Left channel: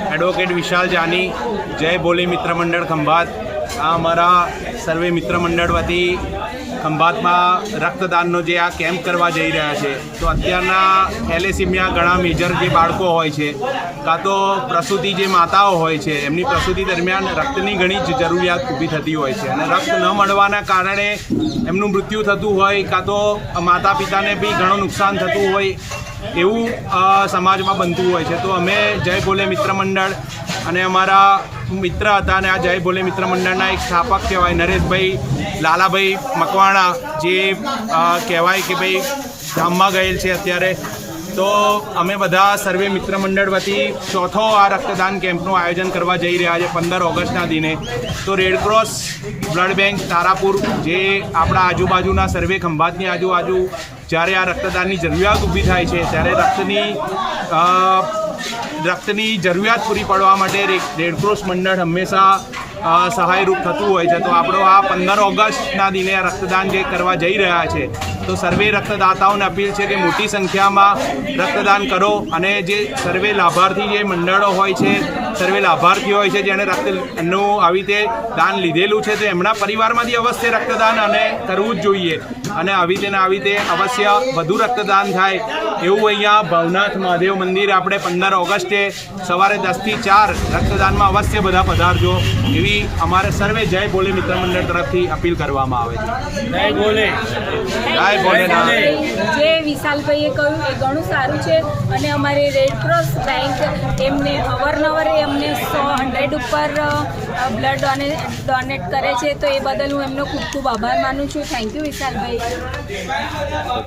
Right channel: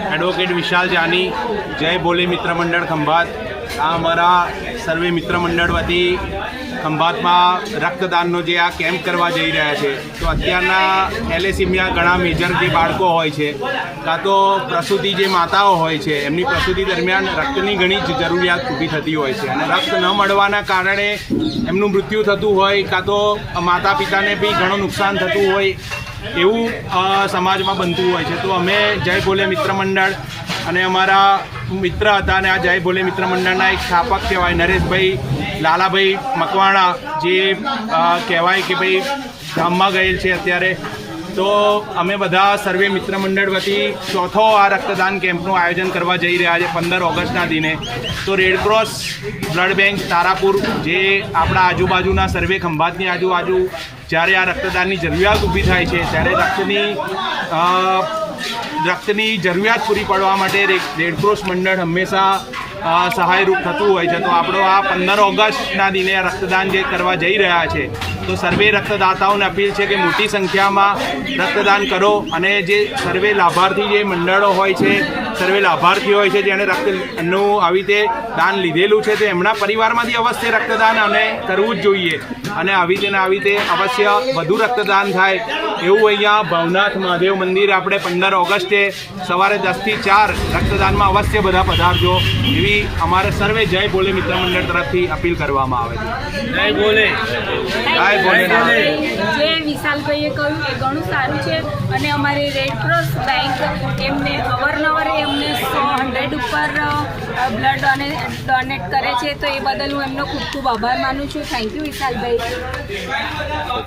વિશાલ જાની, જય બોલી મિત્ર મંડળ ખંભાત. આ અમારા સર્વે મિત્ર મંડળ વતી ખંભાતમાં રક્તદાનનો જે આ કેમ્પ કરવા જઈ રહ્યા છે, તો અત્યારના થેલેસીમિયા ઘણા મેજર જે બાળકો હોય છે, કાં તો પ્રસૂતિ જે માતાઓ હોય છે, એમની પ્રસૂતિ દરમિયાન રક્તની ઘણી જ જરૂરિયાત ઊભી થતી હોય છે. અને રક્ત ન મળવાના કારણે એમનું મૃત્યુ થતું હોય, કાં તો માતા પિતાને બી ઘણું નુકસાન થતું હોય એવું સમાજમાં બનતું હોય છે. તો અમે જય ભોલે મિત્ર મંડળ અને અમારા મિત્ર હતા અને આ જય ભોલે મિત્ર મંડળના એક સ્થાપક કહેવાય નરેશભાઈ લાલાભાઈ મકવાણા, જે કહેવાય કે ભાઈ ગામમાં ગયેલ છે અત્યારે. તો અમે બધા સર્વે મિત્ર મંડળ વતી ચોથો આ રક્તદાન કેમ્પનું આયોજન કરવા જઈ રહ્યા છે પંદર ઓગસ્ટના દિને. તો રેડક્રોસ બ્લડ બેંક તારાપુર, જે આપણા આજુબાજુના સર્વે ખંભાતની આજુબાજુ જ્યારે આ રક્તદાનની જરૂરિયાત ઊભી થાય છે, ત્યારે રક્તની રક્તની જરૂરિયાત પૂરી પાડવા માટે રેડક્રોસ મંડળ હંમેશા સહાયરૂપ થતું હોય છે. તો આપણો આ પંદર ઓગસ્ટના દિને આ રક્તદાન જે કરવા જઈ રહ્યા છે તો સર્વે રક્તદાતાઓને અપીલ છે કે મોટી સંખ્યામાં રક્તદાન કરો અને જે સર્વે લાભાર્થી જે મંડળો હોય છે સર્વે લાભાર્થી હોય છે જેણે રક્તનું આવી રીતે દાન લીધેલું છે તો એમના પરિવારમાંથી અવશ્ય રક્તદાન અને કરવું જ જોઈએ. અને આવી રીતે ને આવી રીતે અવશ્ય વધુ રક્તદાન થાય એવું અહીંયા ભવનાથ મહાદેવ મંદિર આપણે પંદર ઓગસ્ટે સવારે દસથી ચાર રક્તદાનમાં અવશ્ય બધા પધારજો એવી અમારે સર્વે જય ભોલે મિત્ર મંડળ તરફથી અપીલ કરવામાં આવે છે. જય બોલે જય જે વિશાલભાઈએ કહ્યું એ ઘણું સારું છે અને અમારી રેડ ક્રોસ બેંક એમને અવારનવાર એમને સો હંડ્રેડ ઉપર બ્લડ ડોને ડોનેટ કરે છે, તો એ બદલ હું એમનો ખૂબ ખૂબ આભાર માનું છું. Thank you Vishalbhai.